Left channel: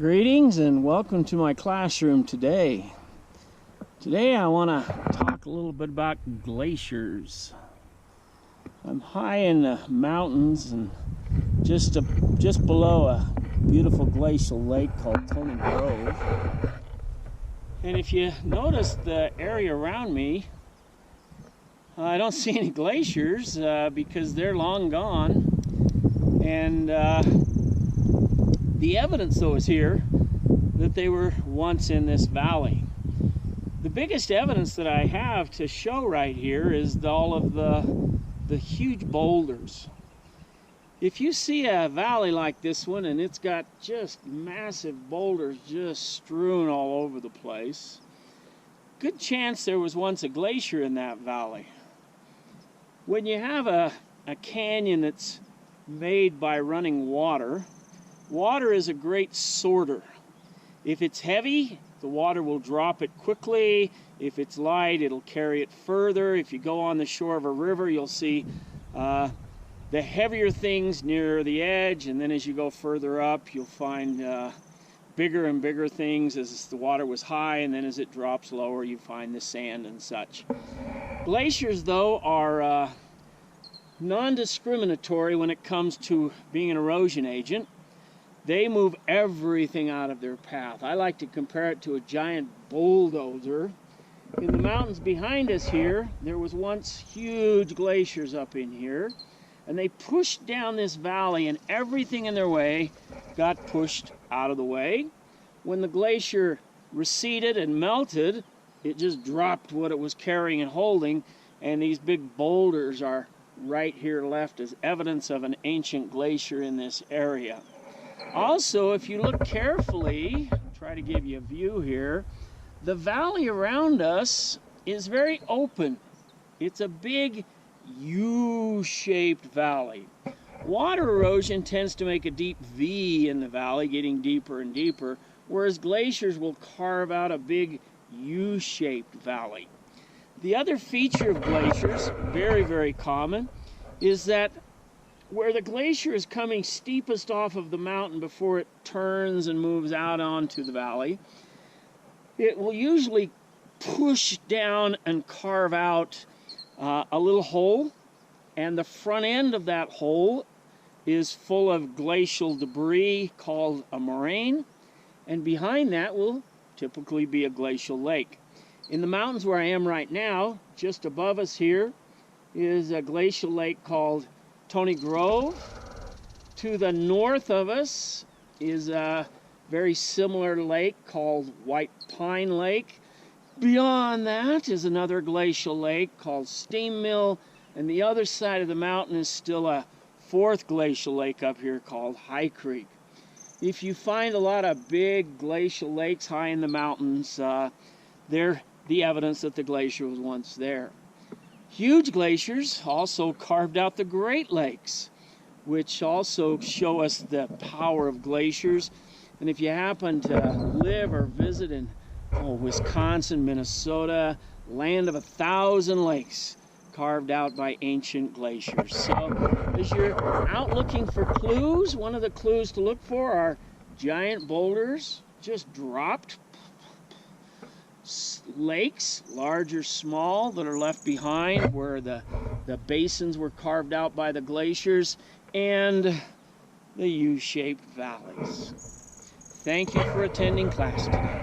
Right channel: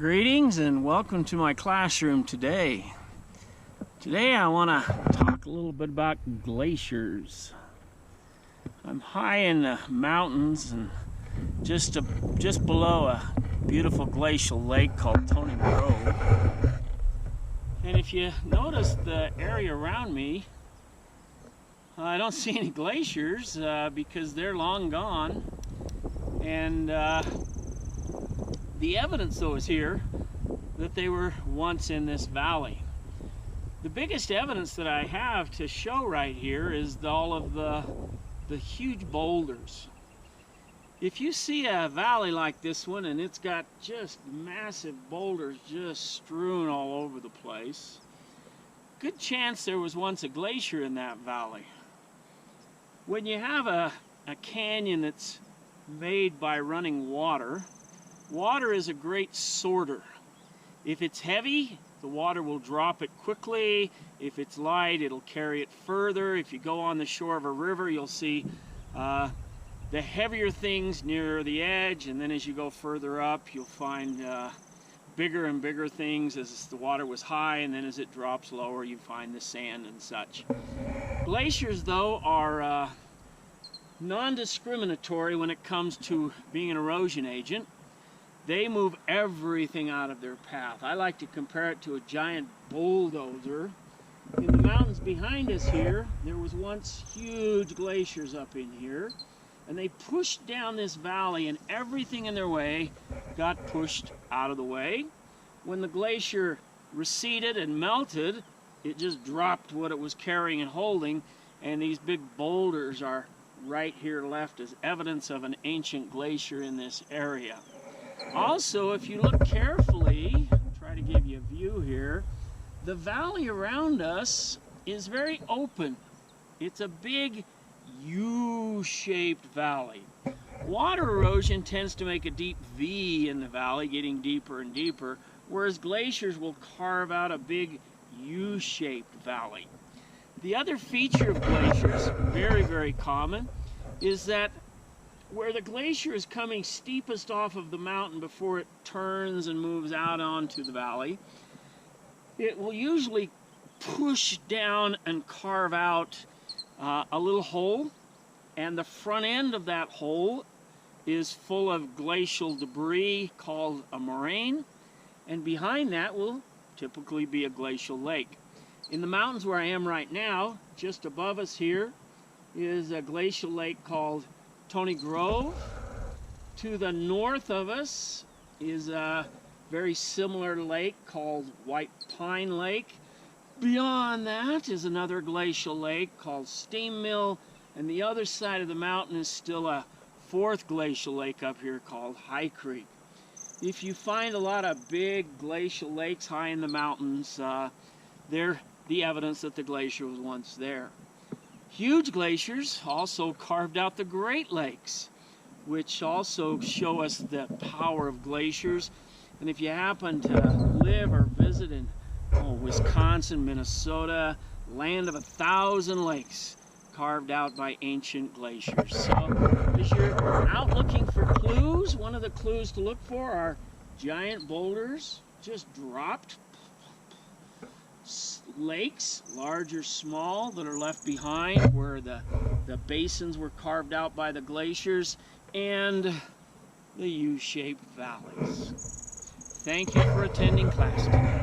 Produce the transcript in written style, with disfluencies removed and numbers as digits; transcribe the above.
Greetings and welcome to my classroom today. Today I want to talk a little bit about glaciers. I'm high in the mountains and just below a beautiful glacial lake called Tony Grove. And if you notice the area around me, I don't see any glaciers because they're long gone. And the evidence, though, is here that they were once in this valley. The biggest evidence that I have to show right here is all of the huge boulders. If you see a valley like this one and it's got just massive boulders just strewn all over the place, good chance there was once a glacier in that valley. When you have a canyon that's made by running water, water is a great sorter. If it's heavy, the water will drop it quickly. If it's light, it'll carry it further. If you go on the shore of a river, you'll see the heavier things near the edge, and then as you go further up, you'll find bigger and bigger things as the water was high, and then as it drops lower, you find the sand and such. Glaciers, though, are non-discriminatory when it comes to being an erosion agent. They move everything out of their path. I like to compare it to a giant bulldozer. In the mountains behind us here, there was once huge glaciers up in here, and they pushed down this valley, and everything in their way got pushed out of the way. When the glacier receded and melted, it just dropped what it was carrying and holding, and these big boulders are right here left as evidence of an ancient glacier in this area. Also, if you look carefully, try to give you a view here, the valley around us is very open. It's a big U-shaped valley. Water erosion tends to make a deep V in the valley, getting deeper and deeper, whereas glaciers will carve out a big U-shaped valley. The other feature of glaciers, very, very common, is that where the glacier is coming steepest off of the mountain before it turns and moves out onto the valley, it will usually push down and carve out a little hole, and the front end of that hole is full of glacial debris called a moraine, and behind that will typically be a glacial lake. In the mountains where I am right now, just above us here, is a glacial lake called Tony Grove. To the north of us is a very similar lake called White Pine Lake. Beyond that is another glacial lake called Steam Mill, and the other side of the mountain is still a fourth glacial lake up here called High Creek. If you find a lot of big glacial lakes high in the mountains, they're the evidence that the glacier was once there. Huge glaciers also carved out the Great Lakes, which also show us the power of glaciers. And if you happen to live or visit in Wisconsin, Minnesota, land of 1,000 lakes carved out by ancient glaciers. So as you're out looking for clues, one of the clues to look for are giant boulders just dropped, lakes, large or small, that are left behind where the basins were carved out by the glaciers, and the U-shaped valleys. Thank you for attending class today.